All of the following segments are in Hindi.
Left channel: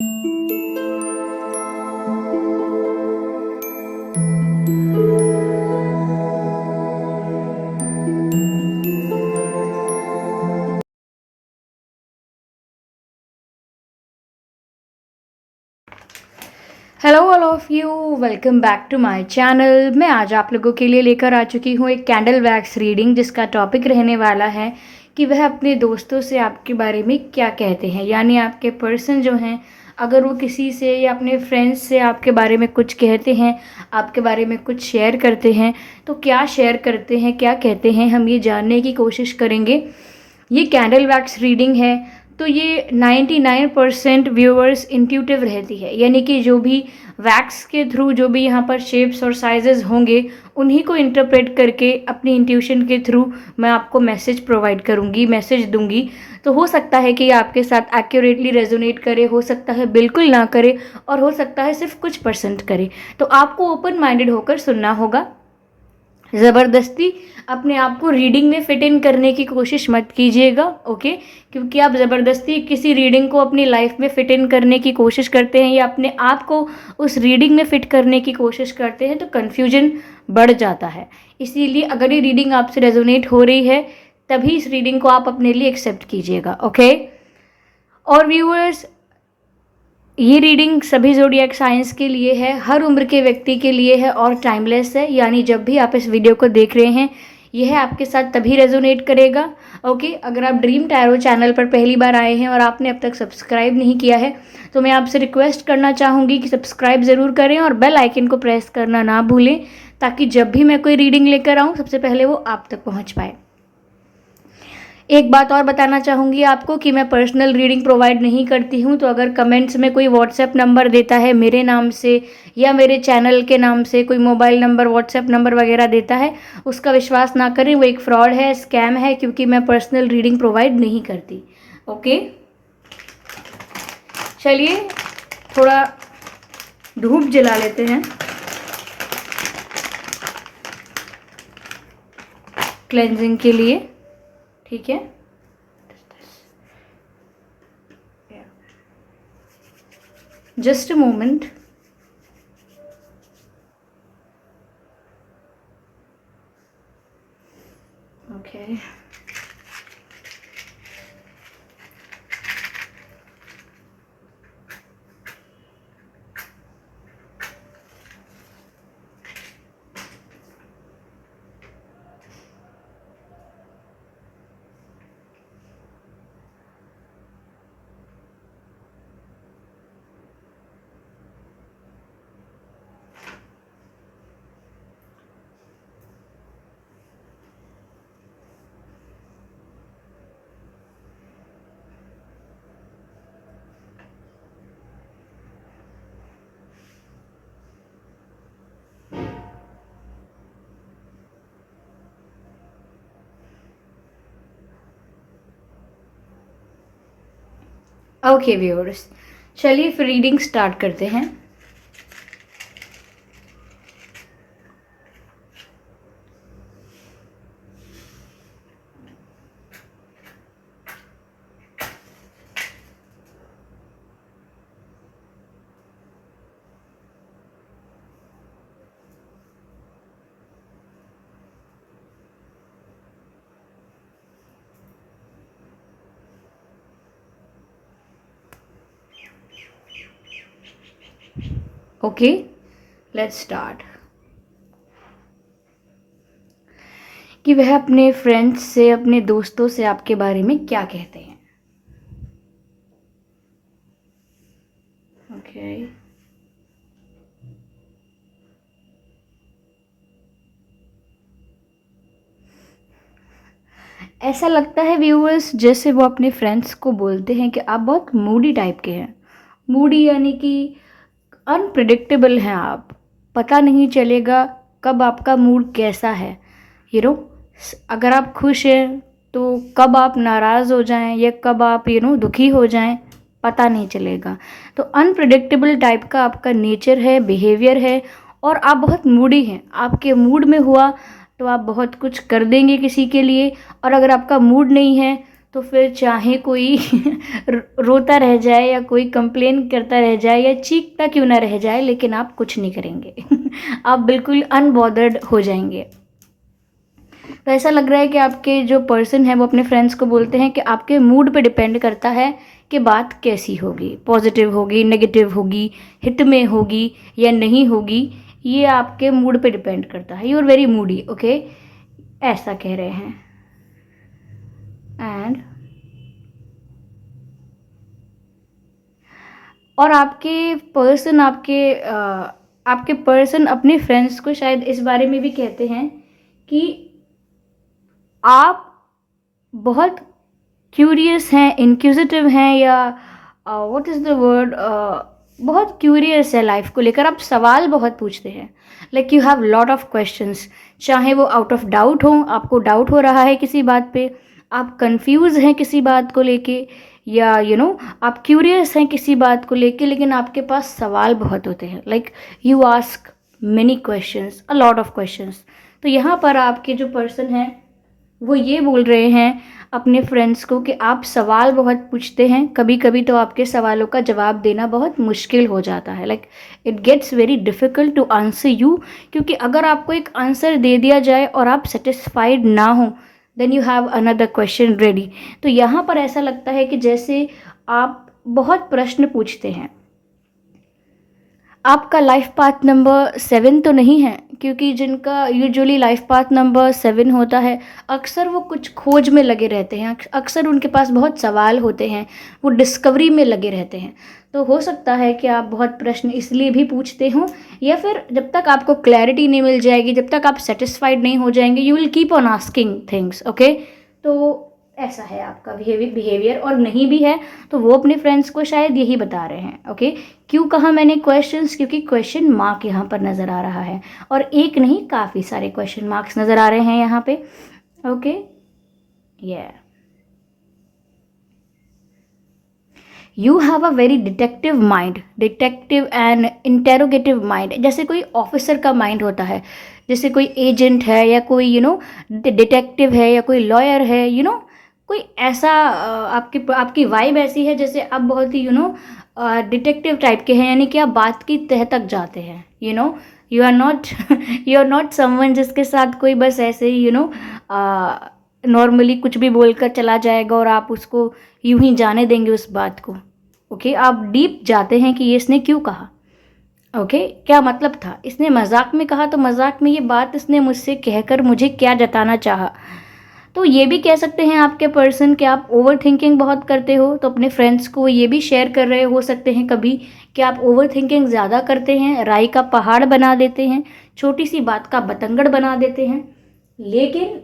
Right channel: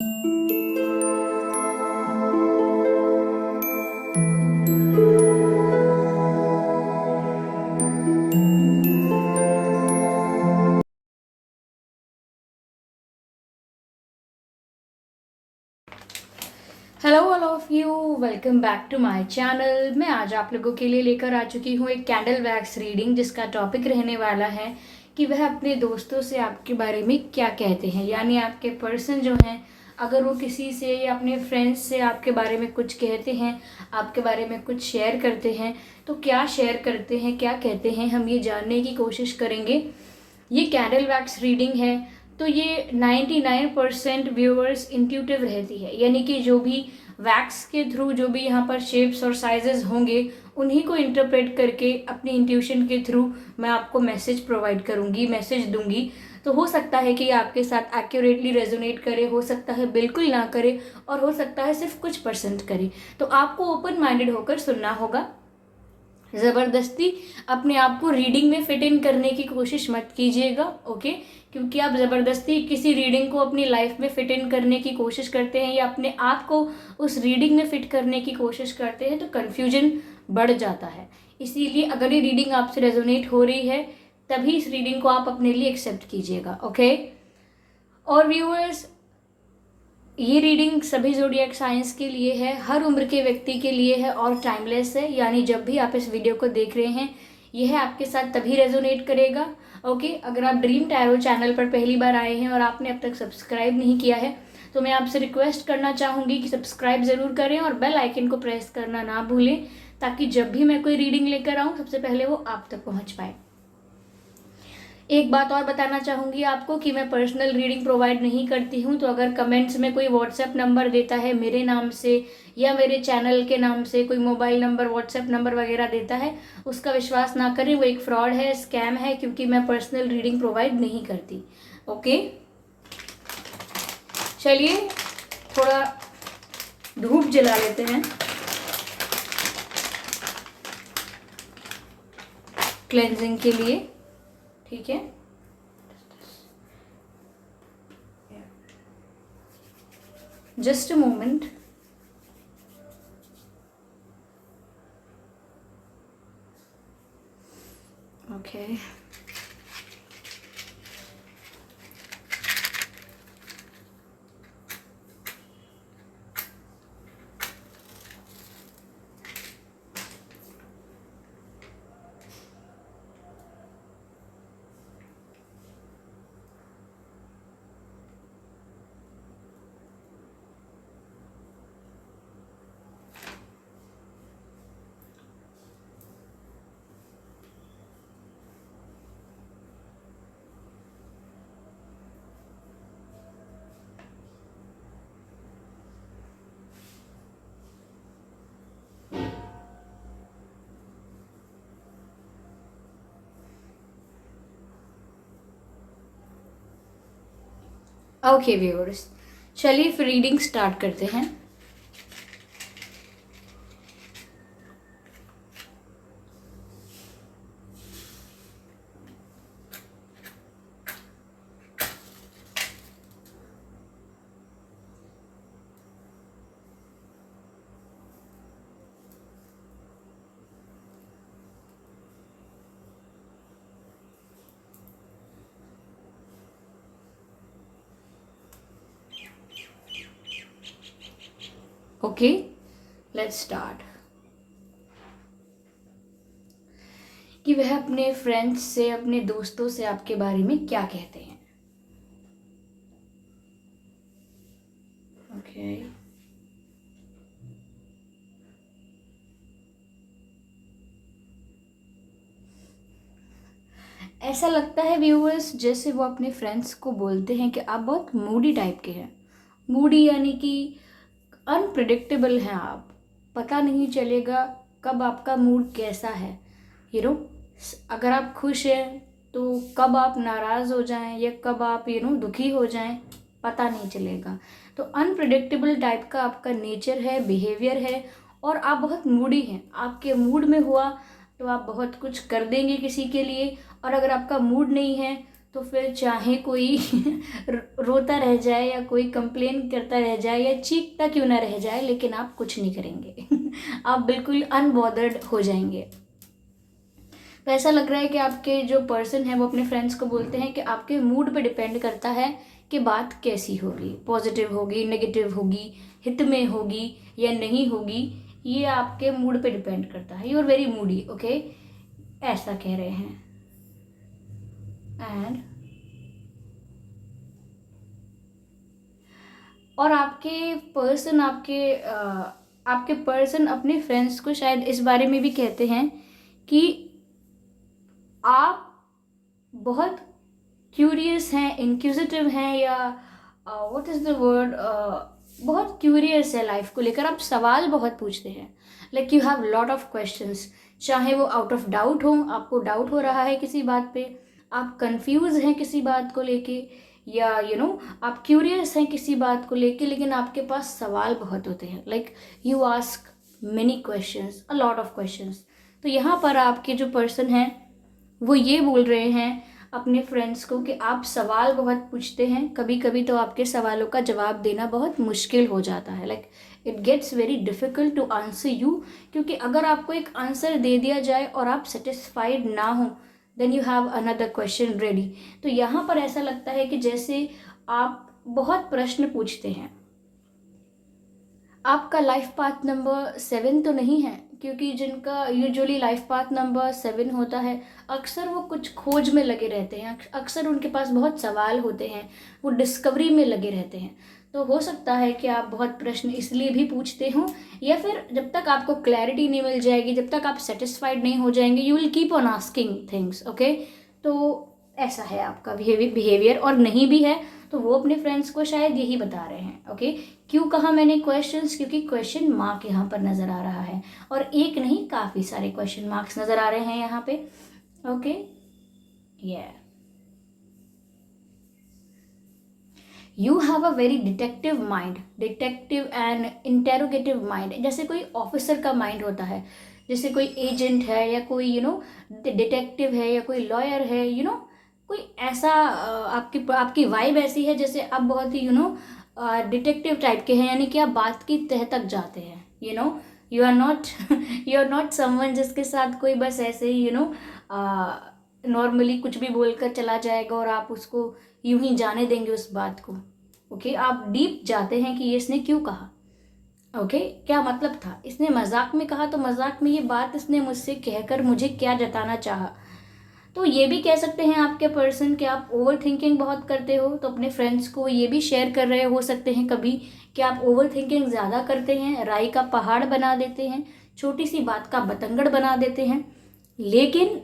Hello all of you, welcome back to my channel. मैं आज आप लोगों के लिए लेकर आ चुकी हूँ एक कैंडल वैक्स रीडिंग, जिसका टॉपिक रहने वाला है कि वह अपने दोस्तों से आपके बारे में क्या कहते हैं। यानी आपके पर्सन जो हैं, अगर वो किसी से या अपने फ्रेंड्स से आपके बारे में कुछ कहते हैं, आपके बारे में कुछ शेयर करते हैं, तो क्या शेयर करते हैं, क्या कहते हैं, हम ये जानने की कोशिश करेंगे। ये कैंडल वैक्स रीडिंग है तो ये 99% व्यूअर्स इंट्यूटिव रहती है, यानी कि जो भी वैक्स के थ्रू जो भी यहाँ पर शेप्स और साइजेस होंगे उन्हीं को इंटरप्रेट करके अपनी इंट्यूशन के थ्रू मैं आपको मैसेज प्रोवाइड करूँगी, मैसेज दूंगी। तो हो सकता है कि ये आपके साथ एक्यूरेटली रेजोनेट करे, हो सकता है बिल्कुल ना करे, और हो सकता है सिर्फ कुछ परसेंट करे। तो आपको ओपन माइंडेड होकर सुनना होगा। ज़बरदस्ती अपने आप को रीडिंग में फिट इन करने की कोशिश मत कीजिएगा, ओके। क्योंकि आप ज़बरदस्ती किसी रीडिंग को अपनी लाइफ में फिट इन करने की कोशिश करते हैं या अपने आप को उस रीडिंग में फिट करने की कोशिश करते हैं तो कन्फ्यूजन बढ़ जाता है। इसीलिए अगर ये रीडिंग आपसे रेजोनेट हो रही है तभी इस रीडिंग को आप अपने लिए एक्सेप्ट कीजिएगा, ओके। और व्यूअर्स, ये रीडिंग सभी ज़ोडिएक साइंस के लिए है, हर उम्र के व्यक्ति के लिए है और टाइमलेस है। यानी जब भी आप इस वीडियो को देख रहे हैं यह आपके साथ तभी रेजोनेट करेगा, ओके। अगर आप ड्रीम टैरो चैनल पर पहली बार आए हैं और आपने अब तक सब्सक्राइब नहीं किया है तो मैं आपसे रिक्वेस्ट करना चाहूँगी कि सब्सक्राइब ज़रूर करें और बेल आइकन को प्रेस करना ना भूलें, ताकि जब भी मैं कोई रीडिंग लेकर आऊँ सबसे पहले वो आप तक पहुँच पाए। एक बात और बताना चाहूँगी आपको कि मैं पर्सनल रीडिंग प्रोवाइड नहीं करती हूँ। तो अगर कमेंट्स में कोई व्हाट्सएप नंबर देता है मेरे नाम से या मेरे चैनल के नाम से, कोई मोबाइल नंबर, व्हाट्सएप नंबर वगैरह देता है, उसका विश्वास ना करें। वो एक फ्रॉड है, स्कैम है, क्योंकि मैं पर्सनल रीडिंग प्रोवाइड नहीं करती, ओके। चलिए थोड़ा धूप जला लेते हैं क्लेंजिंग के लिए, ठीक है। Just a moment. Okay, okay viewers, चलिए फिर रीडिंग स्टार्ट करते हैं। Okay, let's start. कि वह अपने फ्रेंड्स से, अपने दोस्तों से आपके बारे में क्या कहते हैं, ओके। ऐसा लगता है व्यूअर्स जैसे वो अपने फ्रेंड्स को बोलते हैं कि आप बहुत मूडी टाइप के हैं। मूडी यानी कि अनप्रिडिक्टेबल हैं आप, पता नहीं चलेगा कब आपका मूड कैसा है। यू नो, अगर आप खुश हैं तो कब आप नाराज़ हो जाएं या कब आप दुखी हो जाएं, पता नहीं चलेगा। तो अनप्रिडिक्टेबल टाइप का आपका नेचर है, बिहेवियर है, और आप बहुत मूडी हैं। आपके मूड में हुआ तो आप बहुत कुछ कर देंगे किसी के लिए, और अगर आपका मूड नहीं है तो फिर चाहे कोई रोता रह जाए या कोई कंप्लेन करता रह जाए या चीखता क्यों ना रह जाए, लेकिन आप कुछ नहीं करेंगे। आप बिल्कुल अनबॉदर्ड हो जाएंगे। तो ऐसा लग रहा है कि आपके जो पर्सन है वो अपने फ्रेंड्स को बोलते हैं कि आपके मूड पे डिपेंड करता है कि बात कैसी होगी, पॉजिटिव होगी, नेगेटिव होगी, हित में होगी या नहीं होगी, ये आपके मूड पे डिपेंड करता है। You are very moody, okay, ऐसा कह रहे हैं। एंड और आपके पर्सन अपने फ्रेंड्स को शायद इस बारे में भी कहते हैं कि आप बहुत क्यूरियस हैं, इंक्विजिटिव हैं, या व्हाट इज़ द वर्ड, बहुत क्यूरियस है लाइफ को लेकर। आप सवाल बहुत पूछते हैं, like you have lot of questions, चाहे वो आउट ऑफ डाउट हो, आपको डाउट हो रहा है किसी बात पे, आप कंफ्यूज हैं किसी बात को लेके, या आप क्यूरियस हैं किसी बात को लेके, लेकिन आपके पास सवाल बहुत होते हैं। Like you ask many questions, a lot of questions. तो यहाँ पर आपके जो पर्सन हैं वो ये बोल रहे हैं अपने फ्रेंड्स को कि आप सवाल बहुत पूछते हैं, कभी कभी तो आपके सवालों का जवाब देना बहुत मुश्किल हो जाता है। Like it gets very difficult to answer you, क्योंकि अगर आपको एक आंसर दे दिया जाए और आप सेटिस्फाइड ना हो, then you have another question ready. तो यहाँ पर ऐसा लगता है कि जैसे आप बहुत प्रश्न पूछते हैं। आपका लाइफ पाथ नंबर 7 तो नहीं है, क्योंकि जिनका यूजुअली लाइफ पाथ नंबर 7 होता है, अक्सर वो कुछ खोज में लगे रहते हैं, अक्सर उनके पास बहुत सवाल होते हैं, वो डिस्कवरी में लगे रहते हैं। तो हो सकता है कि आप बहुत प्रश्न इसलिए भी पूछते हों, या फिर जब तक आपको क्लैरिटी नहीं मिल जाएगी, जब तक आप सेटिस्फाइड नहीं हो जाएंगे, you will keep on asking things, okay. तो ऐसा है आपका बिहेवियर, और नहीं भी है तो वो अपने फ्रेंड्स को शायद यही बता रहे हैं, ओके। क्यों कहा मैंने क्वेश्चंस, क्योंकि क्वेश्चन मार्क यहाँ पर नज़र आ रहा है, और एक नहीं काफ़ी सारे क्वेश्चन मार्क्स नज़र आ रहे हैं यहाँ पे, okay. You have a very detective mind, detective and interrogative mind. जैसे कोई ऑफिसर का माइंड होता है, जैसे कोई एजेंट है, या कोई डिटेक्टिव है, या कोई लॉयर है, कोई ऐसा आपकी आपकी वाइब ऐसी है जैसे आप बहुत ही डिटेक्टिव टाइप के हैं, यानी कि आप बात की तह तक जाते हैं। You are not you are not someone जिसके साथ कोई बस ऐसे ही नॉर्मली कुछ भी बोलकर चला जाएगा और आप उसको यूं ही जाने देंगे उस बात को, ओके। आप डीप जाते हैं कि ये इसने क्यों कहा, ओके, क्या मतलब था, इसने मजाक में कहा तो मजाक में ये बात इसने मुझसे कहकर मुझे क्या जताना चाहा। तो ये भी कह सकते हैं आपके पर्सन कि आप ओवर थिंकिंग बहुत करते हो, तो अपने फ्रेंड्स को ये भी शेयर कर रहे हो सकते हैं कभी कि आप ओवर थिंकिंग ज़्यादा करते हैं, राई का पहाड़ बना देते हैं, छोटी सी बात का बतंगड़ बना देते हैं। लेकिन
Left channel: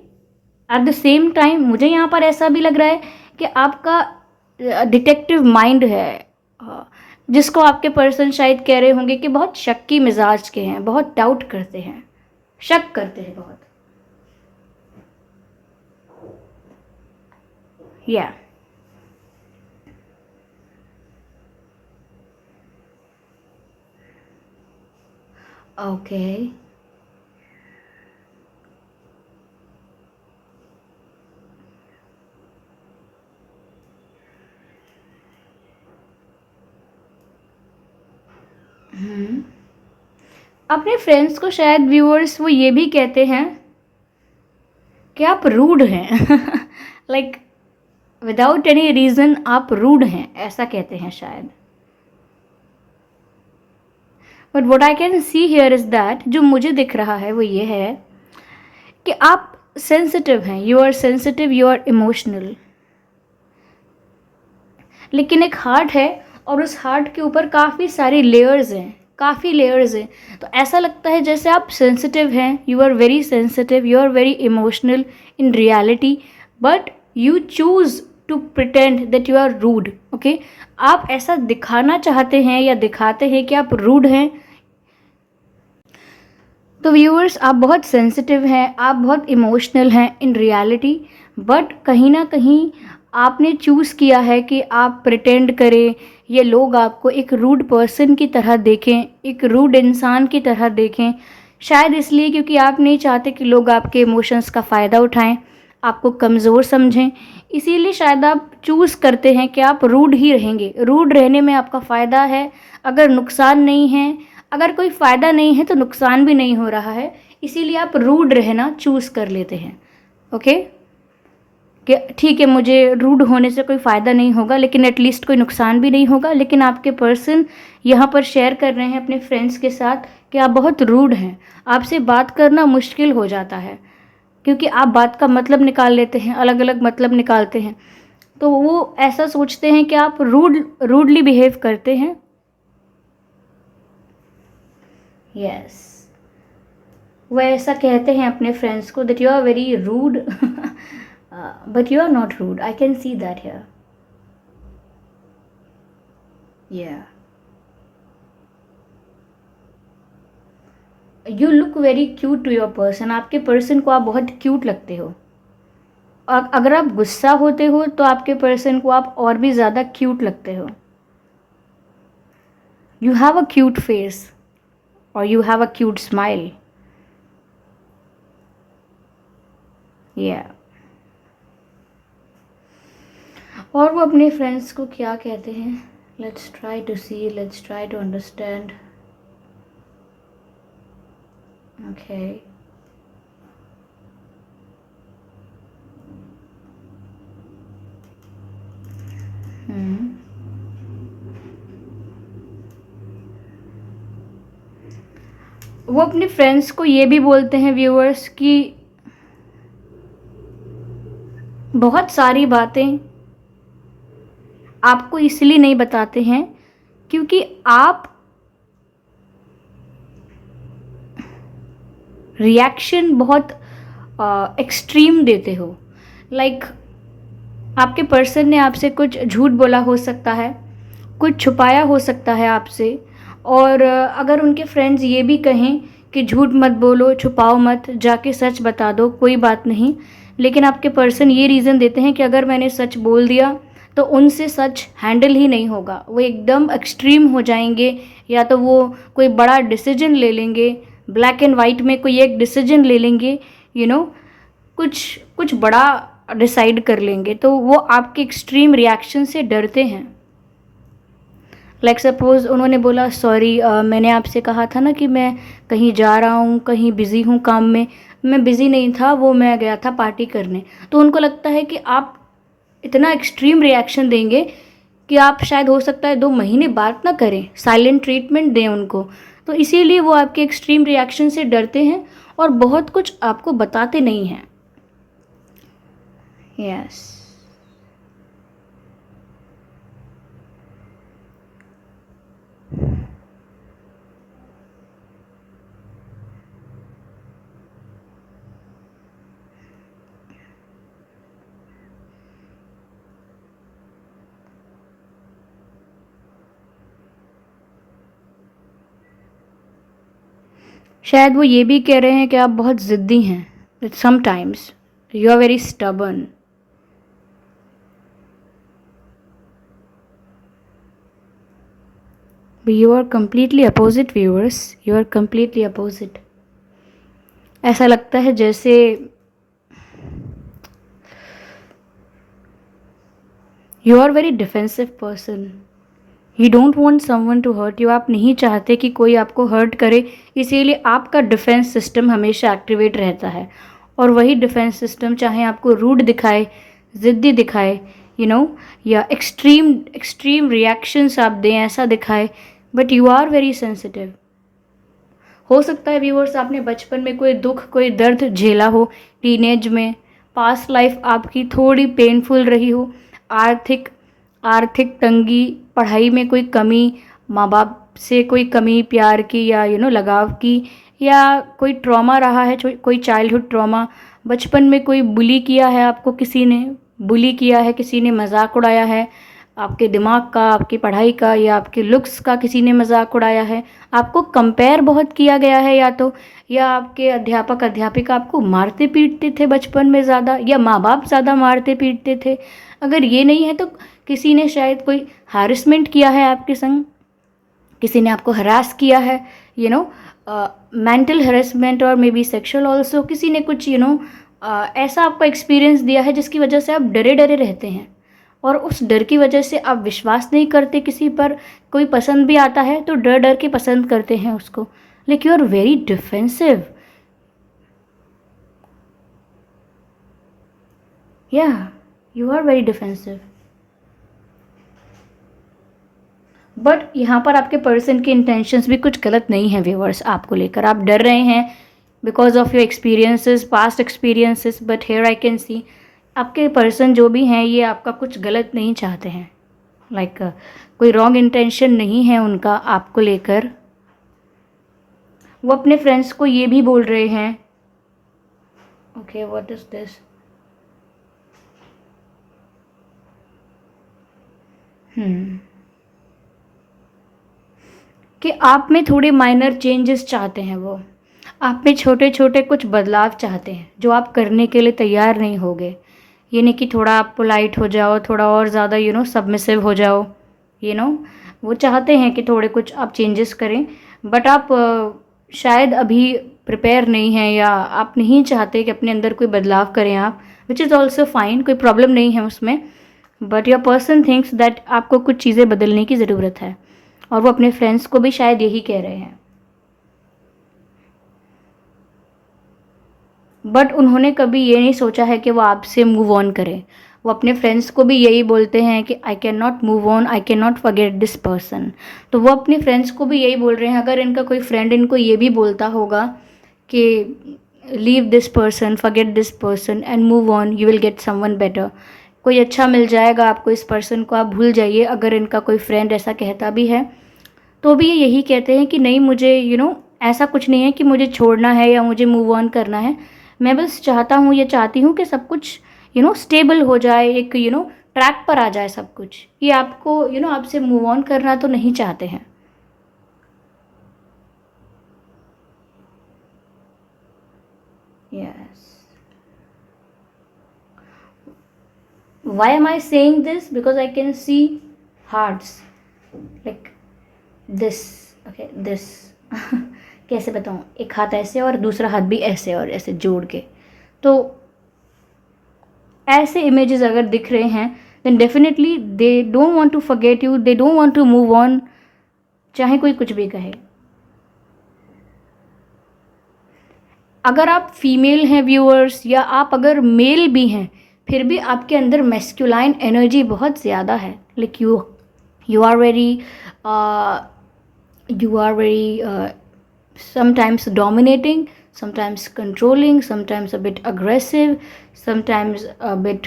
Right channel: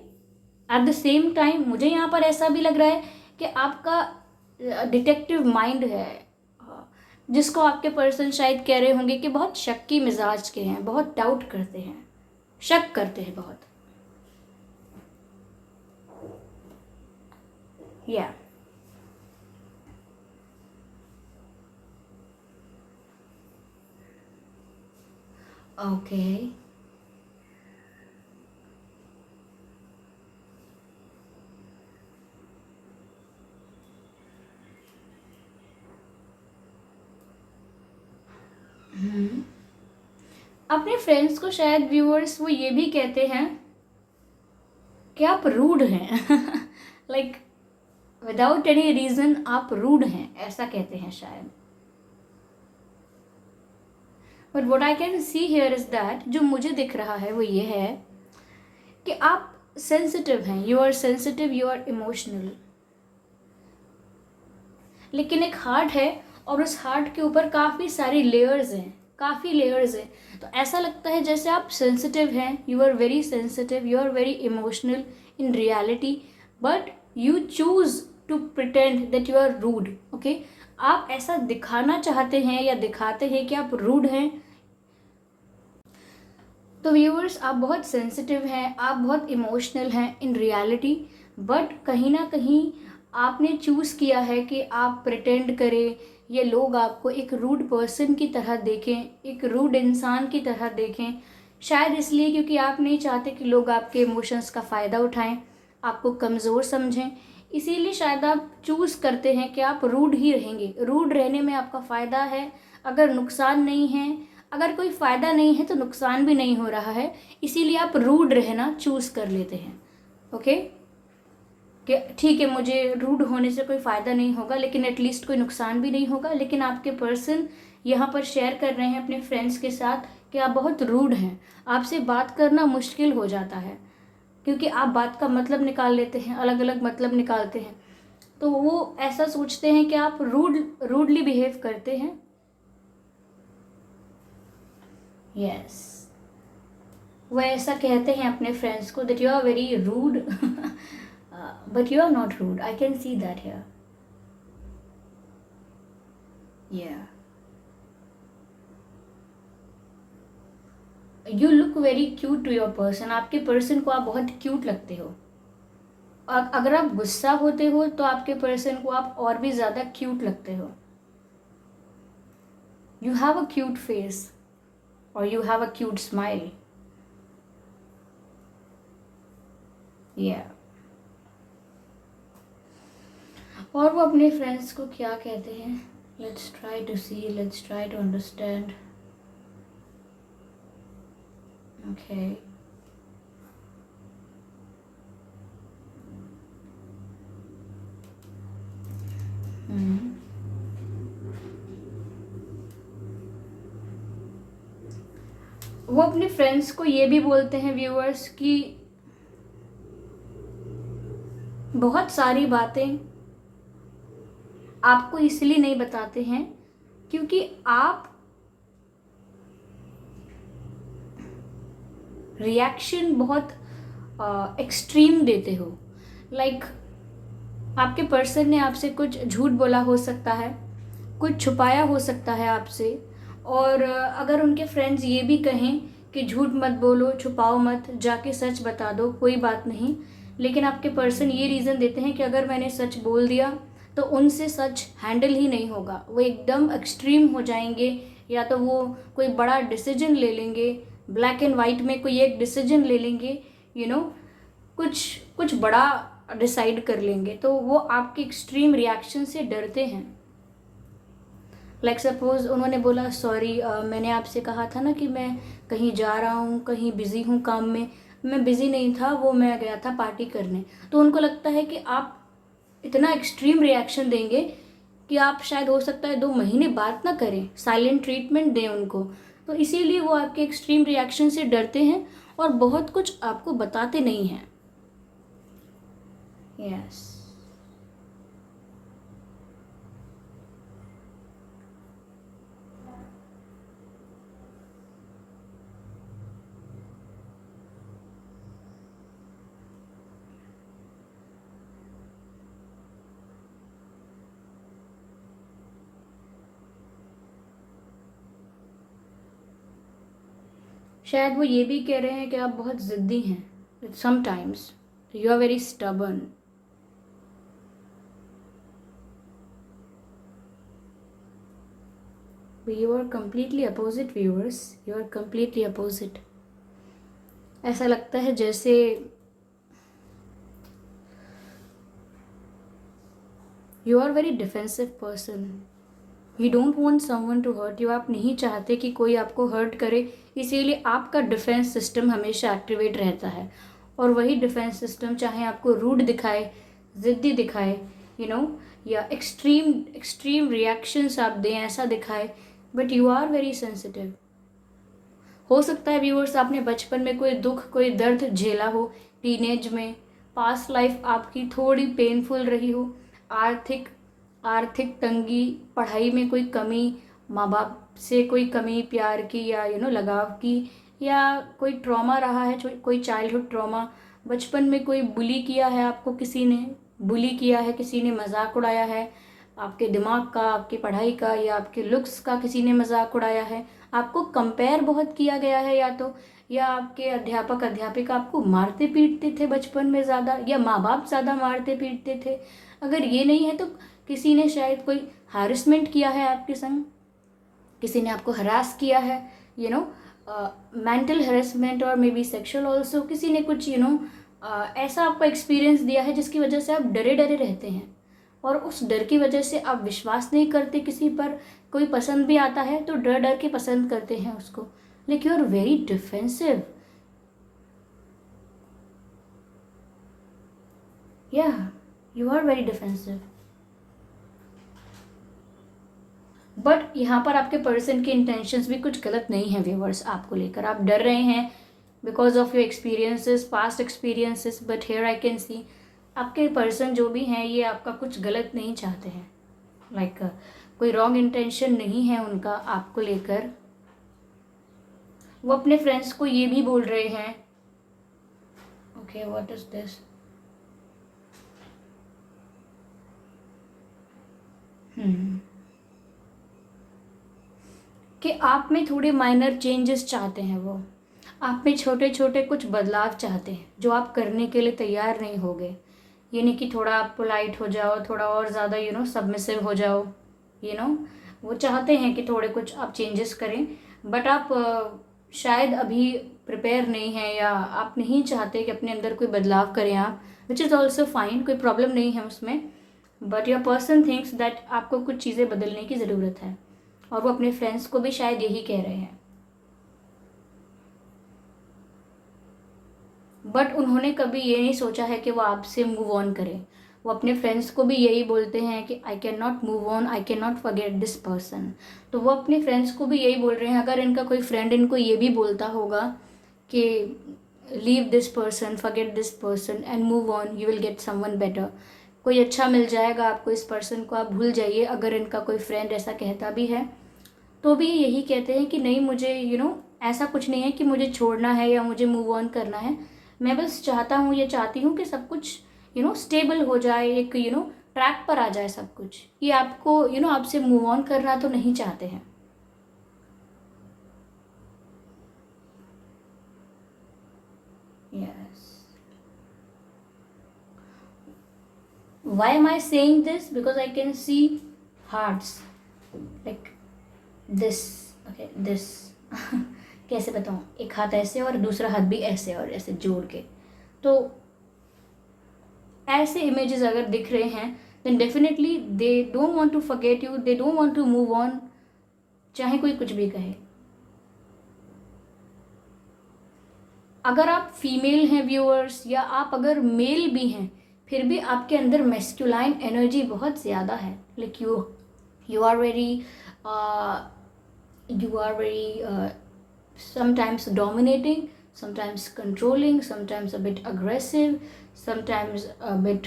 एट द सेम टाइम मुझे यहाँ पर ऐसा भी लग रहा है कि आपका डिटेक्टिव माइंड है, जिसको आपके पर्सन शायद कह रहे होंगे कि बहुत शक्की मिजाज के हैं, बहुत डाउट करते हैं, शक करते हैं बहुत, या ओके। अपने फ्रेंड्स को शायद व्यूअर्स वो ये भी कहते हैं कि आप रूड हैं। लाइक विदाउट एनी रीज़न आप रूड हैं, ऐसा कहते हैं शायद। But what I can see here is that, जो मुझे दिख रहा है वो ये है कि आप सेंसिटिव हैं, you are sensitive, you are emotional, लेकिन एक हार्ट है और उस हार्ट के ऊपर काफ़ी सारी लेयर्स हैं, काफ़ी लेयर्स हैं। तो ऐसा लगता है जैसे आप सेंसिटिव हैं, you are very sensitive, you are very emotional in reality, but you choose to pretend that you are rude, okay. आप ऐसा दिखाना चाहते हैं या दिखाते हैं कि आप रूड हैं। तो व्यूअर्स, आप बहुत सेंसिटिव हैं, आप बहुत इमोशनल हैं इन रियलिटी, बट कहीं ना कहीं आपने चूज़ किया है कि आप प्रिटेंड करें, ये लोग आपको एक रूड पर्सन की तरह देखें, एक रूड इंसान की तरह देखें। शायद इसलिए क्योंकि आप नहीं चाहते कि लोग आपके इमोशंस का फ़ायदा उठाएं, आपको कमज़ोर समझें, इसीलिए शायद आप चूज़ करते हैं कि आप रूड ही रहेंगे। रूड रहने में आपका फ़ायदा है, अगर नुकसान नहीं है, अगर कोई फ़ायदा नहीं है तो नुकसान भी नहीं हो रहा है, इसीलिए आप रूड रहना चूज़ कर लेते हैं। ओके, कि ठीक है, मुझे रूड होने से कोई फ़ायदा नहीं होगा, लेकिन एटलीस्ट कोई नुकसान भी नहीं होगा। लेकिन आपके पर्सन यहाँ पर शेयर कर रहे हैं अपने फ्रेंड्स के साथ कि आप बहुत रूड हैं, आपसे बात करना मुश्किल हो जाता है, क्योंकि आप बात का मतलब निकाल लेते हैं, अलग अलग मतलब निकालते हैं। तो वो ऐसा सोचते हैं कि आप रूडली बिहेव करते हैं। यस, वो ऐसा कहते हैं अपने फ्रेंड्स को that you are very rude, but you are not rude, I can see that here. Yeah, you look very cute to your person, आपके पर्सन को आप बहुत क्यूट लगते हो। और अगर आप गुस्सा होते हो तो आपके पर्सन को आप और भी ज़्यादा क्यूट लगते हो। You have a cute face और you have a cute smile. Yeah, और वो अपने फ्रेंड्स को क्या कहते हैं, let's try to see, let's try to understand. Okay, वो अपने फ्रेंड्स को ये भी बोलते हैं व्यूअर्स कि बहुत सारी बातें आपको इसलिए नहीं बताते हैं क्योंकि आप रिएक्शन बहुत एक्सट्रीम देते हो। लाइक आपके पर्सन ने आपसे कुछ झूठ बोला हो सकता है, कुछ छुपाया हो सकता है आपसे, और अगर उनके फ्रेंड्स ये भी कहें कि झूठ मत बोलो, छुपाओ मत, जाके सच बता दो, कोई बात नहीं, लेकिन आपके पर्सन ये रीज़न देते हैं कि अगर मैंने सच बोल दिया तो उनसे सच हैंडल ही नहीं होगा, वो एकदम एक्सट्रीम हो जाएंगे, या तो वो कोई बड़ा डिसीजन ले लेंगे, ब्लैक एंड वाइट में कोई एक डिसीजन ले लेंगे, यू नो, कुछ कुछ बड़ा डिसाइड कर लेंगे, तो वो आपके एक्सट्रीम रिएक्शन से डरते हैं। लाइक सपोज़ उन्होंने बोला सॉरी, मैंने आपसे कहा था ना कि मैं कहीं जा रहा हूँ, कहीं बिज़ी हूँ काम में, मैं बिज़ी नहीं था, वो मैं गया था पार्टी करने। तो उनको लगता है कि आप इतना एक्सट्रीम रिएक्शन देंगे कि आप शायद हो सकता है 2 महीने बात ना करें, साइलेंट ट्रीटमेंट दें उनको। तो इसीलिए वो आपके एक्सट्रीम रिएक्शन से डरते हैं और बहुत कुछ आपको बताते नहीं हैं। यस, शायद वो ये भी कह रहे हैं कि आप बहुत ज़िद्दी हैं, sometimes you are very stubborn. You are completely opposite viewers, you are completely opposite. ऐसा लगता है जैसे you are very defensive person, you don't want someone to hurt you, आप नहीं चाहते कि कोई आपको हर्ट करे, इसीलिए आपका डिफेंस सिस्टम हमेशा एक्टिवेट रहता है। और वही डिफेंस सिस्टम चाहे आपको रूड दिखाए, ज़िद्दी दिखाए, यू नो, या एक्सट्रीम एक्सट्रीम रिएक्शंस आप दें ऐसा दिखाए, but you are very sensitive. हो सकता है व्यूअर्स आपने बचपन में कोई दुख, कोई दर्द झेला हो, टीनेज में, पास्ट लाइफ आपकी थोड़ी पेनफुल रही हो, आर्थिक आर्थिक तंगी, पढ़ाई में कोई कमी, माँ बाप से कोई कमी प्यार की या लगाव की, या कोई ट्रॉमा रहा है, कोई चाइल्डहुड ट्रॉमा, बचपन में कोई बुली किया है, आपको किसी ने बुली किया है, किसी ने मजाक उड़ाया है आपके दिमाग का, आपकी पढ़ाई का, या आपके लुक्स का किसी ने मजाक उड़ाया है, आपको कंपेयर बहुत किया गया है, या आपके अध्यापक अध्यापिका आपको मारते पीटते थे बचपन में ज़्यादा, या माँ बाप ज़्यादा मारते पीटते थे। अगर ये नहीं है तो किसी ने शायद कोई हैरेसमेंट किया है आपके संग, किसी ने आपको हरास किया है, मेंटल हरेसमेंट और मे बी सेक्शुअल ऑल्सो, किसी ने कुछ ऐसा आपको एक्सपीरियंस दिया है जिसकी वजह से आप डरे डरे रहते हैं, और उस डर की वजह से आप विश्वास नहीं करते किसी पर। कोई पसंद भी आता है तो डर डर के पसंद करते हैं उसको। Like you are very defensive. Yeah you are very defensive. But यहाँ पर आपके पर्सन के इंटेंशंस भी कुछ गलत नहीं है व्यूअर्स, आपको लेकर आप डर रहे हैं because of your experiences, past experiences. But here I can सी आपके पर्सन जो भी हैं ये आपका कुछ गलत नहीं चाहते हैं। लाइक कोई रॉन्ग इंटेंशन नहीं है उनका आपको लेकर। वो अपने फ्रेंड्स को ये भी बोल रहे हैं, ओके व्हाट इज दिस, कि आप में थोड़े माइनर चेंजेस चाहते हैं। वो आप में छोटे छोटे कुछ बदलाव चाहते हैं जो आप करने के लिए तैयार नहीं होगे। ये नहीं कि थोड़ा आप पोलाइट हो जाओ, थोड़ा और ज़्यादा सबमिसिव हो जाओ, यू नो वो चाहते हैं कि थोड़े कुछ आप चेंजेस करें। बट आप शायद अभी प्रिपेयर नहीं हैं, या आप नहीं चाहते कि अपने अंदर कोई बदलाव करें आप, विच इज़ ऑल्सो फाइन, कोई प्रॉब्लम नहीं है उसमें। But your person thinks that आपको कुछ चीज़ें बदलने की ज़रूरत है, और वो अपने फ्रेंड्स को भी शायद यही कह रहे हैं। बट उन्होंने कभी ये नहीं सोचा है कि वो आपसे मूव ऑन करें। वो अपने फ्रेंड्स को भी यही बोलते हैं कि I can not move on, I can not forget this person. तो वो अपने फ्रेंड्स को भी यही बोल रहे हैं। अगर इनका कोई फ्रेंड इनको ये भी बोलता होगा कि leave this person, forget this person and move on, you will get someone better, कोई अच्छा मिल जाएगा आपको, इस पर्सन को आप भूल जाइए, अगर इनका कोई फ्रेंड ऐसा कहता भी है तो भी ये यही कहते हैं कि नहीं, मुझे ऐसा कुछ नहीं है कि मुझे छोड़ना है या मुझे मूव ऑन करना है। मैं बस चाहता हूँ, ये चाहती हूँ कि सब कुछ स्टेबल हो जाए, एक ट्रैक पर आ जाए सब कुछ। ये आपको आपसे मूव ऑन करना तो नहीं चाहते हैं। Yes. Why am I saying this? Because I can see hearts like this. Okay, this. कैसे बताऊँ, एक हाथ ऐसे और दूसरा हाथ भी ऐसे और ऐसे जोड़ के, तो ऐसे इमेजेस अगर दिख रहे हैं then definitely they don't want to forget you, they don't want to move on, चाहे कोई कुछ भी कहे। अगर आप फीमेल हैं व्यूअर्स, या आप अगर मेल भी हैं, फिर भी आपके अंदर मैस्कुलाइन एनर्जी बहुत ज़्यादा है। Like you are very sometimes dominating, sometimes controlling, sometimes a bit aggressive, sometimes a bit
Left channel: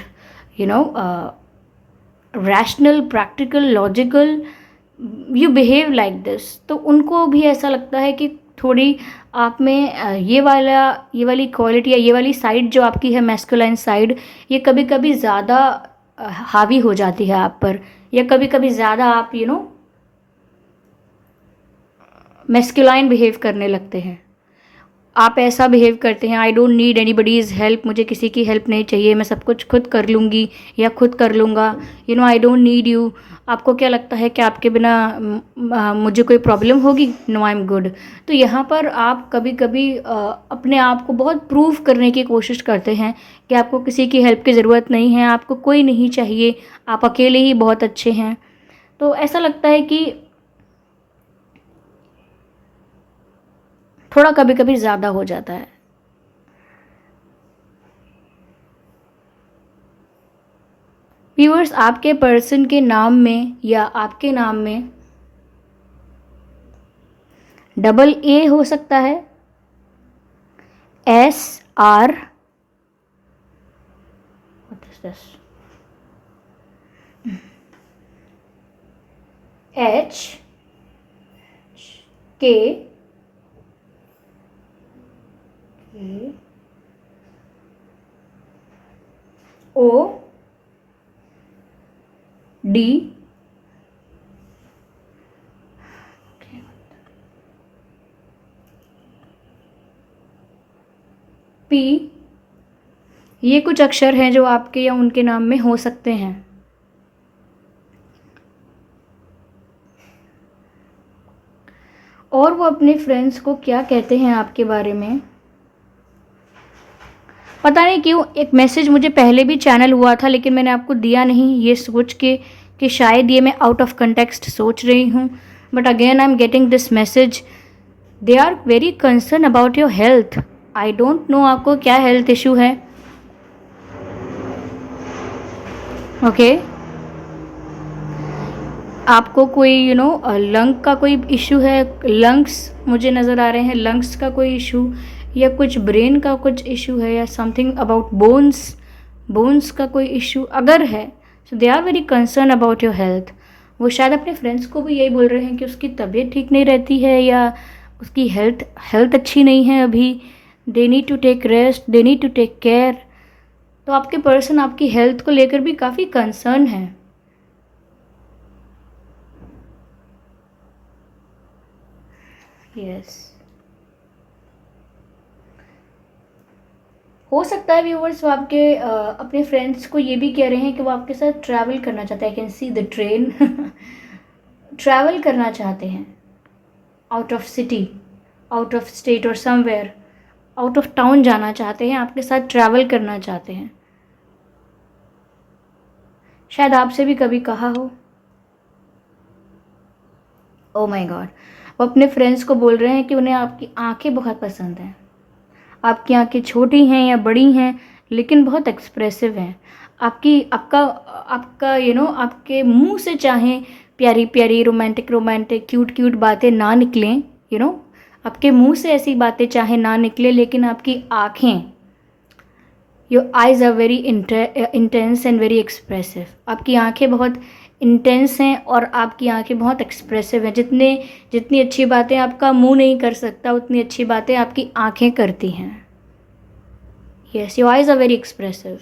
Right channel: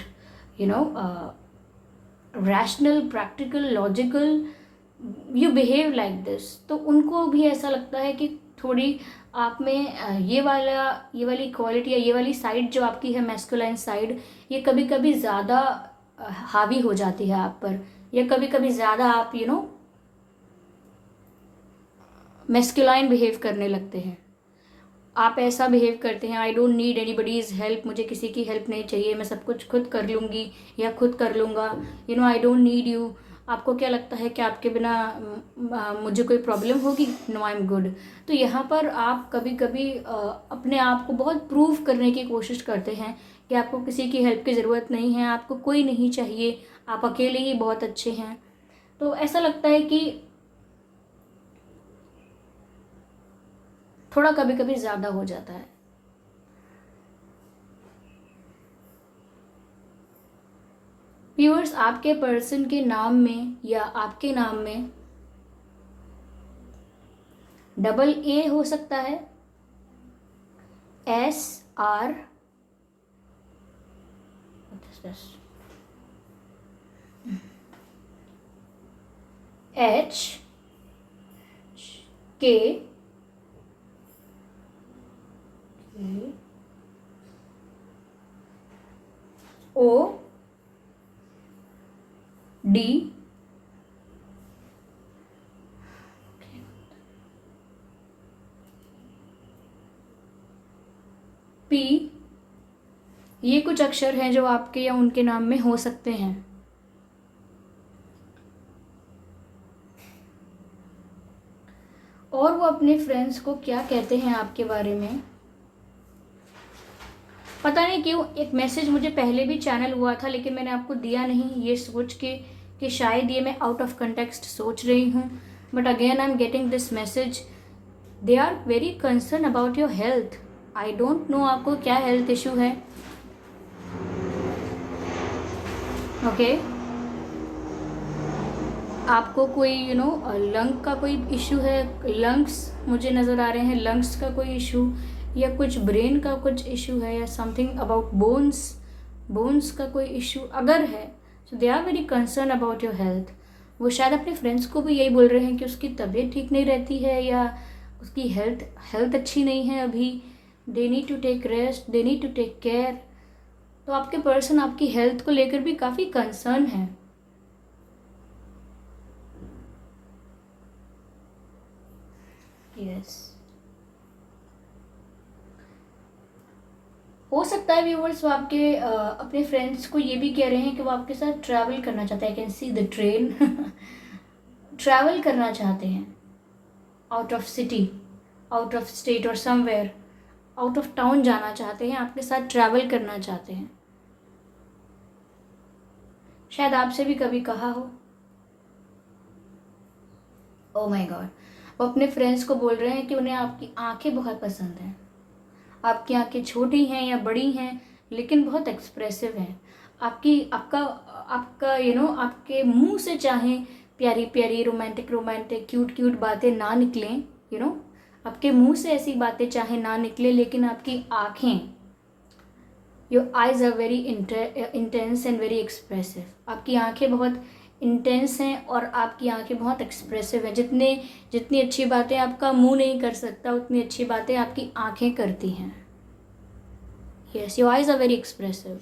rational, practical, logical, you behave like this। तो उनको भी ऐसा लगता है कि थोड़ी आप में ये वाली क्वालिटी या ये वाली साइड जो आपकी है, मैस्कुलाइन साइड, ये कभी कभी ज़्यादा हावी हो जाती है आप पर, या कभी कभी ज़्यादा आप मैस्कुलाइन बिहेव करने लगते हैं। आप ऐसा बिहेव करते हैं, आई डोंट नीड एनीबडीज़ हेल्प, मुझे किसी की हेल्प नहीं चाहिए, मैं सब कुछ खुद कर लूँगी या खुद कर लूँगा, आई डोंट नीड यू। आपको क्या लगता है कि आपके बिना मुझे कोई प्रॉब्लम होगी? No, I am good. तो यहाँ पर आप कभी कभी अपने आप को बहुत प्रूव करने की कोशिश करते हैं कि आपको किसी की हेल्प की ज़रूरत नहीं है, आपको कोई नहीं चाहिए, आप अकेले ही बहुत अच्छे हैं। तो ऐसा लगता है कि थोड़ा कभी कभी ज़्यादा हो जाता है। व्यूअर्स, आपके पर्सन के नाम में या आपके नाम में डबल ए हो सकता है, एस आर, एच के ओ डी पी। ये कुछ अक्षर हैं जो आपके या उनके नाम में हो सकते हैं। और वो अपने फ्रेंड्स को क्या कहते हैं आपके बारे में, पता नहीं क्यों एक मैसेज मुझे पहले भी चैनल हुआ था, लेकिन मैंने आपको दिया नहीं, ये सोच के कि शायद ये मैं आउट ऑफ कंटेक्स्ट सोच रही हूँ। But again I am getting this message, they are very concern about your health. I don't know आपको क्या हेल्थ इशू है। ओके आपको कोई लंग का कोई इशू है, लंग्स मुझे नज़र आ रहे हैं, लंग्स का कोई इशू, या कुछ ब्रेन का कुछ इशू है, या समथिंग अबाउट बोन्स, बोन्स का कोई इशू अगर है, so they are very concern about your health. वो शायद अपने फ्रेंड्स को भी यही बोल रहे हैं कि उसकी तबीयत ठीक नहीं रहती है, या उसकी हेल्थ हेल्थ अच्छी नहीं है अभी, they need to take rest, they need to take care. तो आपके पर्सन आपकी हेल्थ को लेकर भी काफ़ी कंसर्न है। यस हो सकता है व्यूवर्स वो आपके अपने फ्रेंड्स को ये भी कह रहे हैं कि वो आपके साथ ट्रैवल करना चाहते हैं। आई can see the train travel करना चाहते हैं out of city, out of state और समवेयर, आउट ऑफ टाउन जाना चाहते हैं, आपके साथ ट्रैवल करना चाहते हैं। शायद आपसे भी कभी कहा हो। ओ माय गॉड, वो अपने फ्रेंड्स को बोल रहे हैं कि उन्हें आपकी आंखें बहुत पसंद हैं। आपकी आंखें छोटी हैं या बड़ी हैं, लेकिन बहुत एक्सप्रेसिव हैं। आपकी आपका आपका आपके मुंह से चाहे प्यारी प्यारी रोमांटिक रोमांटिक क्यूट क्यूट बातें ना निकलें, आपके मुंह से ऐसी बातें चाहे ना निकले, लेकिन आपकी आंखें, your eyes are very intense and very expressive. आपकी आंखें बहुत इंटेंस हैं और आपकी आंखें बहुत एक्सप्रेसिव हैं। जितनी अच्छी बातें आपका मुंह नहीं कर सकता, उतनी अच्छी बातें आपकी आंखें करती हैं। Yes, your eyes are very expressive.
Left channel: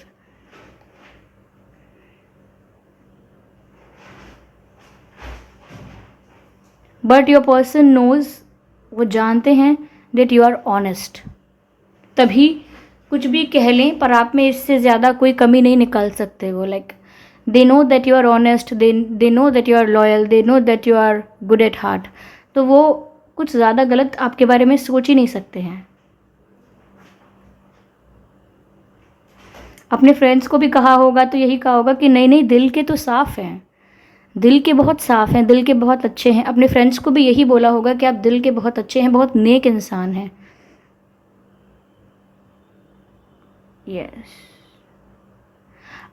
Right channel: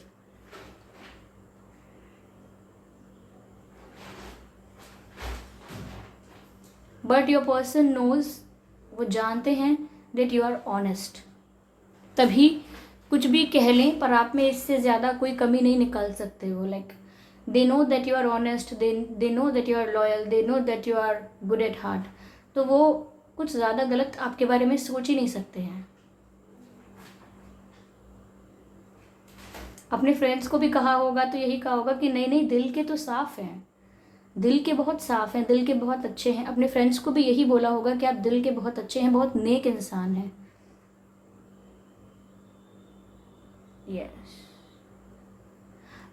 But your person knows, वो जानते हैं दैट यू आर ऑनेस्ट। तभी कुछ भी कह लें पर आप में इससे ज़्यादा कोई कमी नहीं निकाल सकते वो। Like they know that you are honest, they know that you are loyal, they know that you are good at heart. तो वो कुछ ज़्यादा गलत आपके बारे में सोच ही नहीं सकते हैं। अपने फ्रेंड्स को भी कहा होगा तो यही कहा होगा कि नहीं नहीं, दिल के तो साफ़ हैं, दिल के बहुत साफ़ हैं, दिल के बहुत अच्छे हैं। अपने फ्रेंड्स को भी यही बोला होगा कि आप दिल के बहुत अच्छे हैं, बहुत नेक इंसान हैं। यस,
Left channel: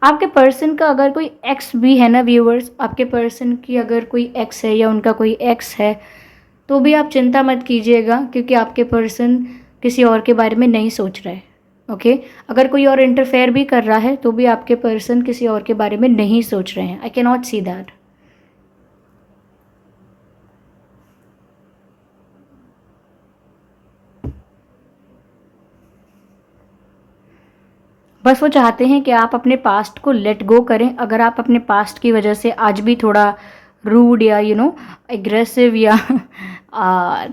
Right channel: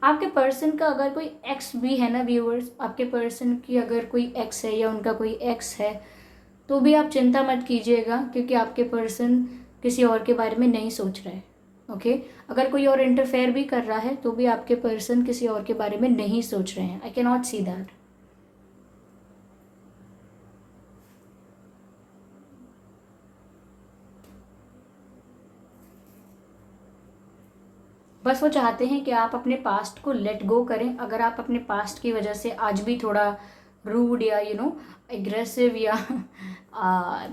आपके पर्सन का अगर कोई एक्स भी है ना व्यूअर्स, आपके पर्सन की अगर कोई एक्स है या उनका कोई एक्स है, तो भी आप चिंता मत कीजिएगा, क्योंकि आपके पर्सन किसी और के बारे में नहीं सोच रहे। ओके अगर कोई और इंटरफेयर भी कर रहा है तो भी आपके पर्सन किसी और के बारे में नहीं सोच रहे हैं। I can not see that. बस वो चाहते हैं कि आप अपने पास्ट को लेट गो करें। अगर आप अपने पास्ट की वजह से आज भी थोड़ा रूड या एग्रेसिव या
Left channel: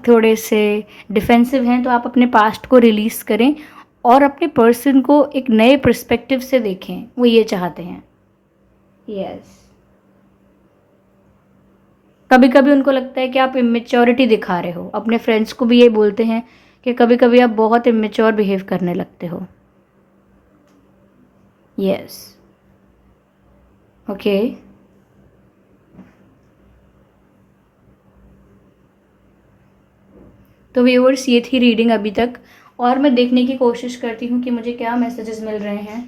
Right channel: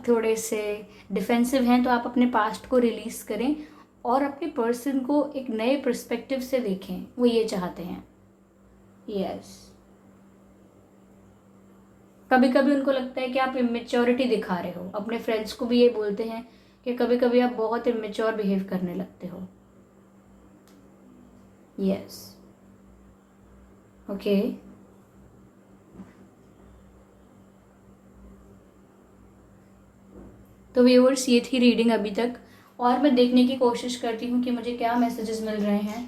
थोड़े से डिफेंसिव हैं, तो आप अपने पास्ट को रिलीज़ करें और अपने पर्सन को एक नए पर्सपेक्टिव से देखें। वो ये चाहते हैं। यस, कभी कभी उनको लगता है कि आप इमेच्योरिटी दिखा रहे हो। अपने फ्रेंड्स को भी ये बोलते हैं कि कभी कभी आप बहुत इमेच्योर बिहेव करने लगते हो। यस, ओके तो व्यूअर्स, ये थी रीडिंग अभी तक, और मैं देखने की कोशिश करती हूँ कि मुझे क्या मैसेजेस मिल रहे हैं।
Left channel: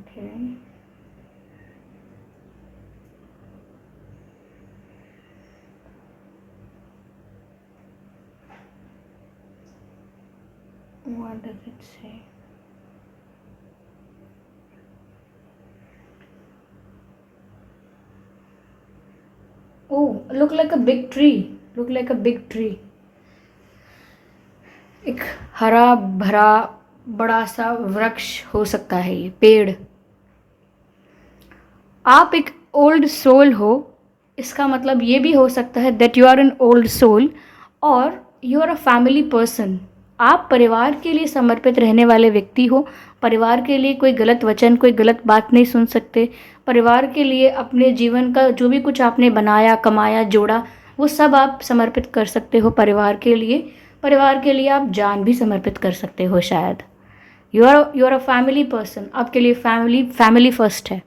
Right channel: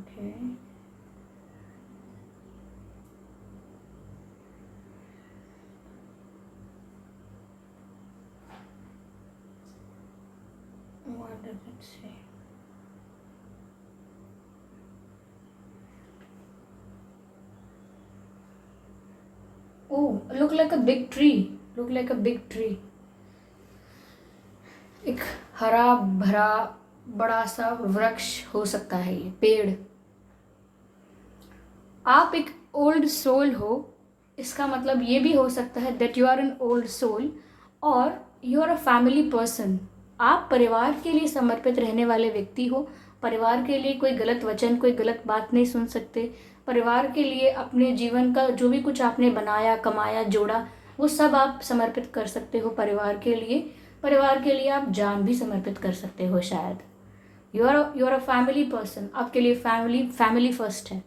Okay What does it say? Oh, look like a big tree. Look like a big tree. एक हरा भरा बड़ा सा वृक्ष हो सकता है ये पेड़। आप एक ओल्ड सोल हो, इसका मतलब ये भी हो सकता है that you are an old soul और you are a family person. आप परिवार के लिए समर्पित रहने वाले व्यक्ति हो। परिवार के लिए कोई गलत वचन, कोई गलत बात नहीं सुन सकते। परिवार के लिए अपने जीवन का जो भी कुछ आपने बनाया, कमाया, जोड़ा, वो सब आप समर्पित कर सकते हो परिवार के लिए। परिवार के लिए आप जान भी समर्पित कर सकते हो शायद। You are a family person, आपके लिए फैमिली फैमिली फर्स्ट है।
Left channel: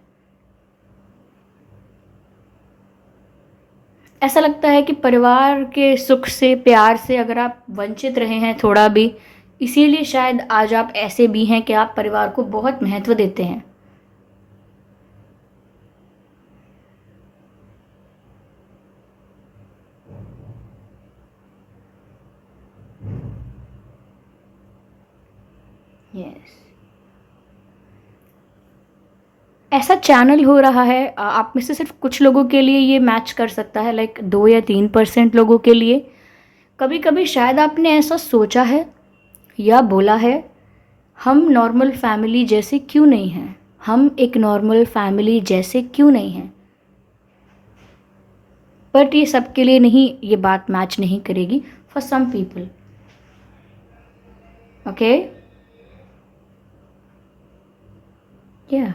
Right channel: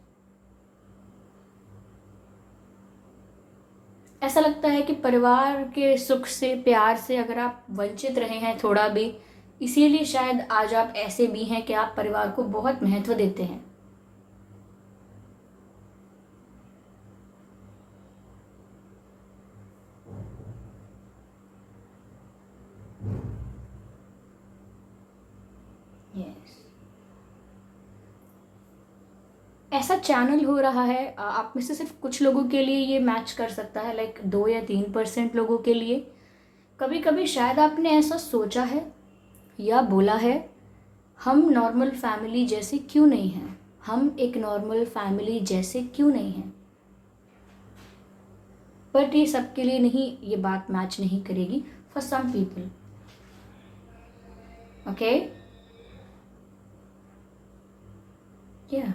ऐसा लगता है कि परिवार के सुख से, प्यार से अगर आप वंचित रहे हैं थोड़ा भी, इसीलिए शायद आज आप ऐसे भी हैं कि आप परिवार को बहुत महत्व देते हैं। यस, ऐसा चैनल हो रहा है, आप में से सिर्फ कुछ लोगों के लिए ये मैच कर सकता है, लाइक 2 या 3% लोगों के लिए। कभी कभी शायद आपने ऐसा सोचा है या बोला है, हम नॉर्मल फैमिली जैसे क्यों नहीं हैं, हम एक नॉर्मल फैमिली जैसे क्यों नहीं हैं। बट ये सबके लिए नहीं, ये बात मैच नहीं करेगी फॉर सम पीपल। ओके, या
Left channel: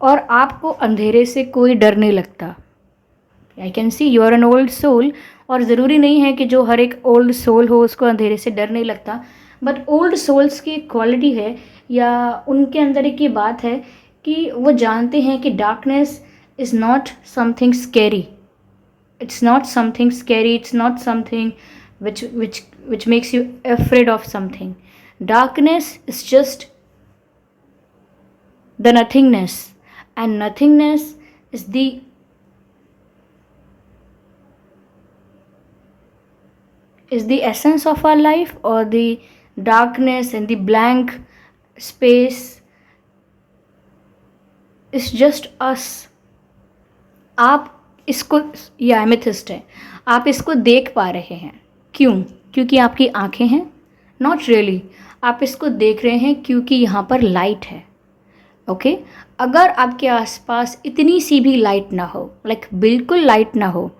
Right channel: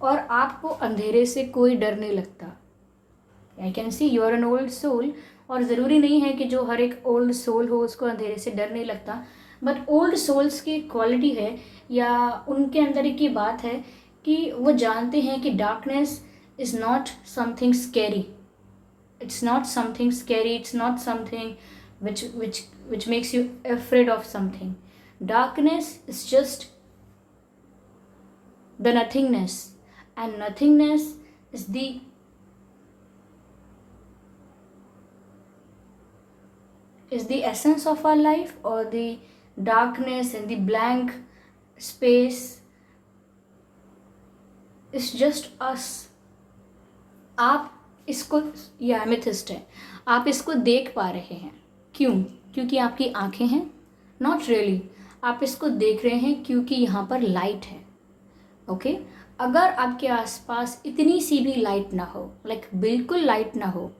और आपको अंधेरे से कोई डर नहीं लगता। I can see you are an old soul, और ज़रूरी नहीं है कि जो हर एक ओल्ड सोल हो उसको अंधेरे से डर नहीं लगता, बट ओल्ड सोल्स की क्वालिटी है या उनके अंदर एक ये बात है कि वो जानते हैं कि darkness is not something scary, it's not something scary, it's not something which makes you afraid of something. Darkness is just the nothingness, and nothingness is the essence of our life, or the darkness and the blank space is just us. आप इसको, ये एमेथिस्ट है, आप इसको देख पा रहे हैं क्यों? क्योंकि आपकी आंखें हैं? नॉट रियली, आप इसको देख रहे हैं क्योंकि यहाँ पर लाइट है। ओके, अगर आपके आसपास इतनी सी भी लाइट ना हो, लाइक बिल्कुल लाइट ना हो,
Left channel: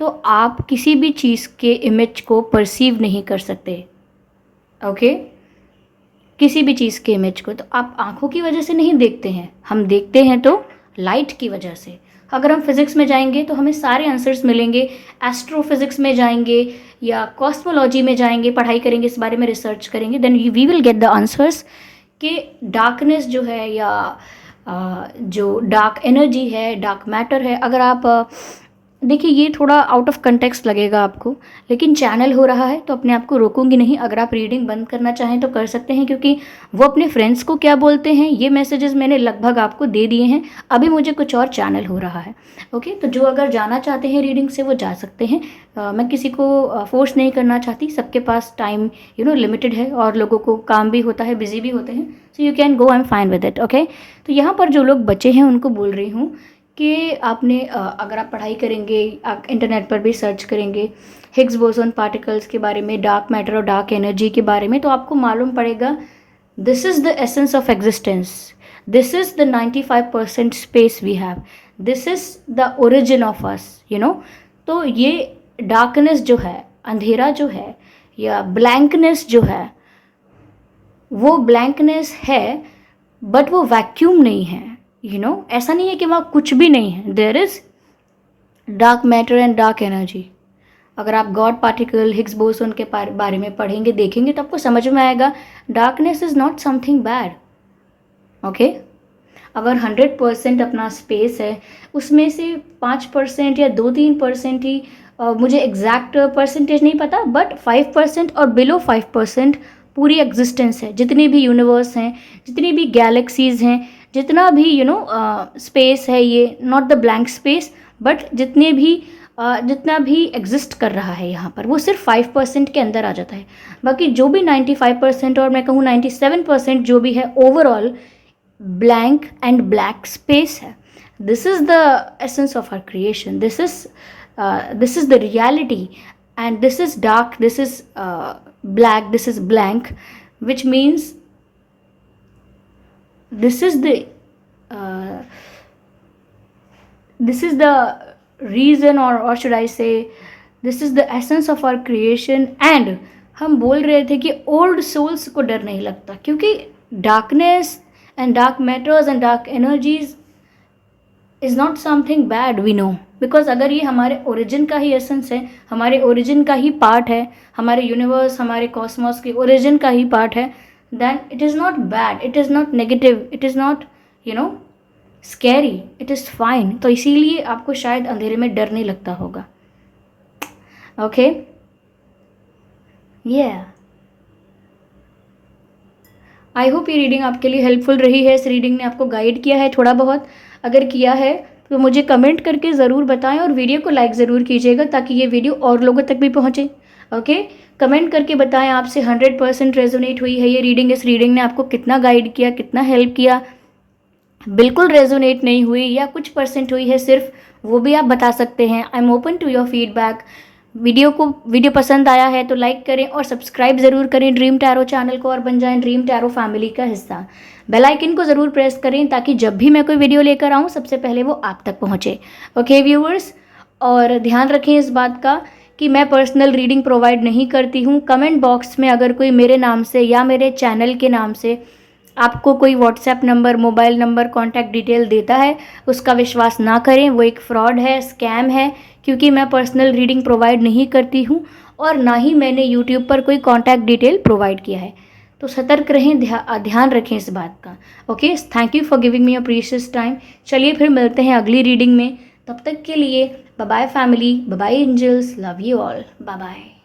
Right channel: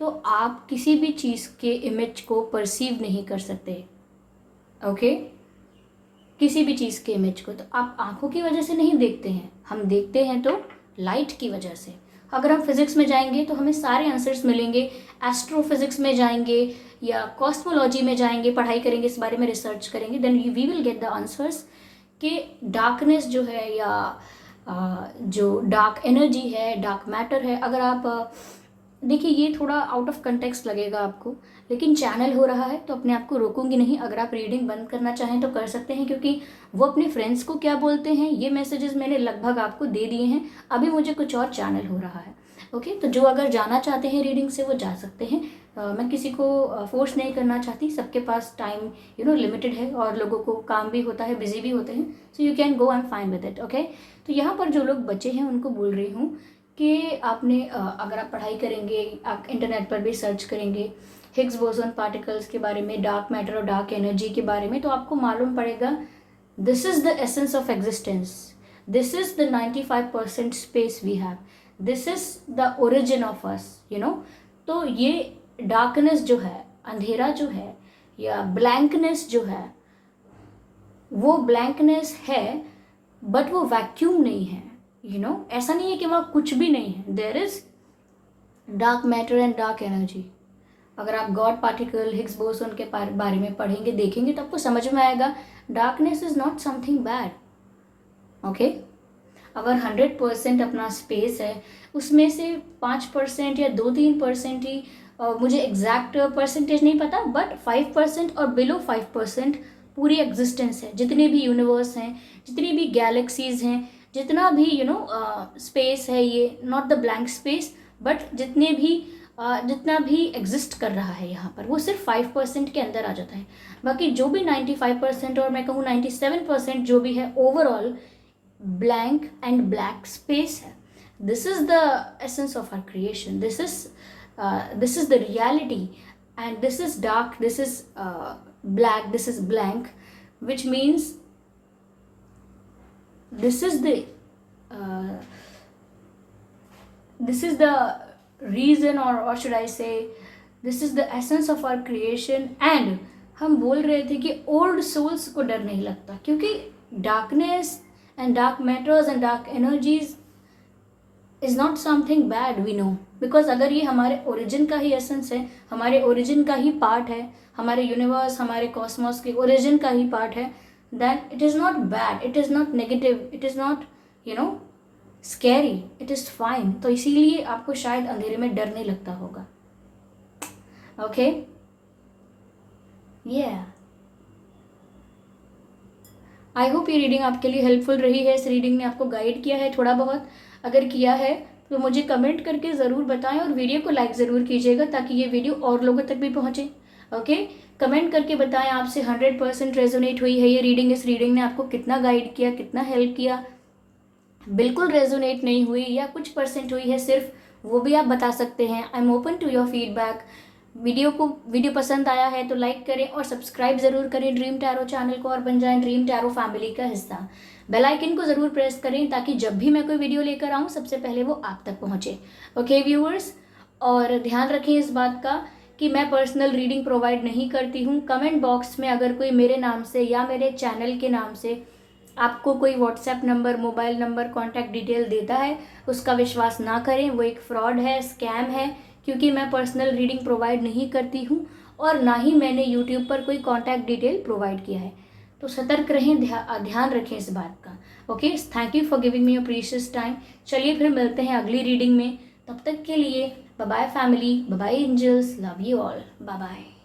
तो आप किसी भी चीज़ के इमेज को परसीव नहीं कर सकते। ओके, किसी भी चीज़ के इमेज को तो आप आंखों की वजह से नहीं देखते हैं, हम देखते हैं तो लाइट की वजह से। अगर हम फिज़िक्स में जाएंगे तो हमें सारे आंसर्स मिलेंगे, एस्ट्रोफिज़िक्स में जाएंगे या कॉस्मोलॉजी में जाएंगे, पढ़ाई करेंगे, इस बारे में रिसर्च करेंगे, then we will get the answers कि डार्कनेस जो है या जो डार्क एनर्जी है, डार्क मैटर है। अगर आप देखिए, ये थोड़ा आउट ऑफ कंटेक्स्ट लगेगा आपको, लेकिन चैनल हो रहा है तो अपने आप को रोकूंगी नहीं। अगर आप रीडिंग बंद करना चाहें तो कर सकते हैं, क्योंकि वो अपने फ्रेंड्स को क्या बोलते हैं ये मैसेजेस मैंने लगभग आपको दे दिए हैं। अभी मुझे कुछ और चैनल हो रहा है। ओके, तो जो अगर जाना चाहते हैं रीडिंग से वो जा सकते हैं। मैं किसी को फोर्स नहीं करना चाहती, सबके पास टाइम लिमिटेड है और लोगों को काम भी होता है, बिजी भी होते हैं, so you can go, I am fine with it. Okay, तो यहाँ पर जो लोग बचे हैं उनको बोल रही हूँ कि आपने अगर आप पढ़ाई करेंगे, आप इंटरनेट पर भी सर्च करेंगे हिग्स बोसोन पार्टिकल्स के बारे में, डार्क मैटर और डार्क एनर्जी के बारे में, तो आपको मालूम पड़ेगा this is the essence of existence, this is the 95% space we have, this is the origin of us, तो ये डार्कनेस जो है, अंधेरा जो है या ब्लैंकनेस जो है, वो ब्लैंकनेस है, बट वो वैक्यूम नहीं है। ऐसा नहीं है कि वहाँ कुछ भी नहीं है, there is dark matter and dark energy. अगर आप गॉड पार्टिकल, हिग्स बोसोन के बारे में पढ़ेंगे, देखेंगे, तो आपको समझ में आएगा darkness is not something bad. Okay, अगर 100% अपना स्पेस है, उसमें से 5% या 2-3% ही, मुझे एग्जैक्ट परसेंटेज नहीं पता, बट 5% और बिलो 5% पूरी एग्जिस्टेंस है। जितने भी यूनिवर्स हैं, जितनी भी गैलेक्सीज हैं, जितना भी स्पेस है, ये not the blank space, but जितना भी एग्जिस्ट कर रहा है यहाँ पर, वो सिर्फ 5% के अंदर आ जाता है। बाकी जो भी 95% और मैं कहूँ 97% जो भी है, overall blank and black space है। This is the essence of our creation, this is the reality, and this is dark, this is black, this is blank, which means this is the reason, or should I say this is the essence of our creation। and हम बोल रहे थे कि ओल्ड सोल्स को डर नहीं लगता, क्योंकि darkness and dark matters and dark energies is not something bad, we know, because अगर ये हमारे ओरिजिन का ही एसेंस है, हमारे ओरिजिन का ही पार्ट है, हमारे यूनिवर्स, हमारे कॉस्मोस के ओरिजिन का ही पार्ट है, then it is not bad, it is not negative, it is not scary, it is fine. तो इसीलिए आपको शायद अंधेरे में डर नहीं लगता होगा। ओके, आई होप ये रीडिंग आपके लिए हेल्पफुल रही है। इस रीडिंग ने आपको गाइड किया है थोड़ा बहुत, अगर किया है तो मुझे कमेंट करके ज़रूर बताएं और वीडियो को लाइक ज़रूर कीजिएगा ताकि ये वीडियो और लोगों तक भी पहुँचे। ओके, कमेंट करके बताएं आपसे 100% रेजोनेट हुई है ये रीडिंग, इस रीडिंग ने आपको कितना गाइड किया, कितना हेल्प किया। बिल्कुल रेजोनेट नहीं हुई या कुछ परसेंट हुई है सिर्फ, वो भी आप बता सकते हैं। I am open to your feedback. Video पसंद आया है तो लाइक करें और सब्सक्राइब ज़रूर करें ड्रीम टैरो चैनल को और बन जाएं ड्रीम टैरो फैमिली का हिस्सा। बेल आइकन को ज़रूर प्रेस करें ताकि जब भी मैं कोई वीडियो लेकर आऊँ सबसे पहले वो आप तक पहुँचे। ओके व्यूअर्स, और ध्यान रखें इस बात का कि मैं पर्सनल रीडिंग प्रोवाइड नहीं करती हूँ। कमेंट बॉक्स में अगर कोई मेरे नाम से या मेरे चैनल के नाम से आपको कोई WhatsApp number, mobile number, contact detail देता है, उसका विश्वास ना करें, वो एक फ्रॉड है, स्कैम है, क्योंकि मैं पर्सनल रीडिंग प्रोवाइड नहीं करती हूँ और ना ही मैंने यूट्यूब पर कोई कॉन्टैक्ट डिटेल प्रोवाइड किया है। तो सतर्क रहें, ध्यान रखें इस बात का। Okay, thank you for giving me a precious time. चलिए फिर मिलते हैं अगली रीडिंग में, तब तक के लिए bye bye family, bye bye angels, love you all, bye bye.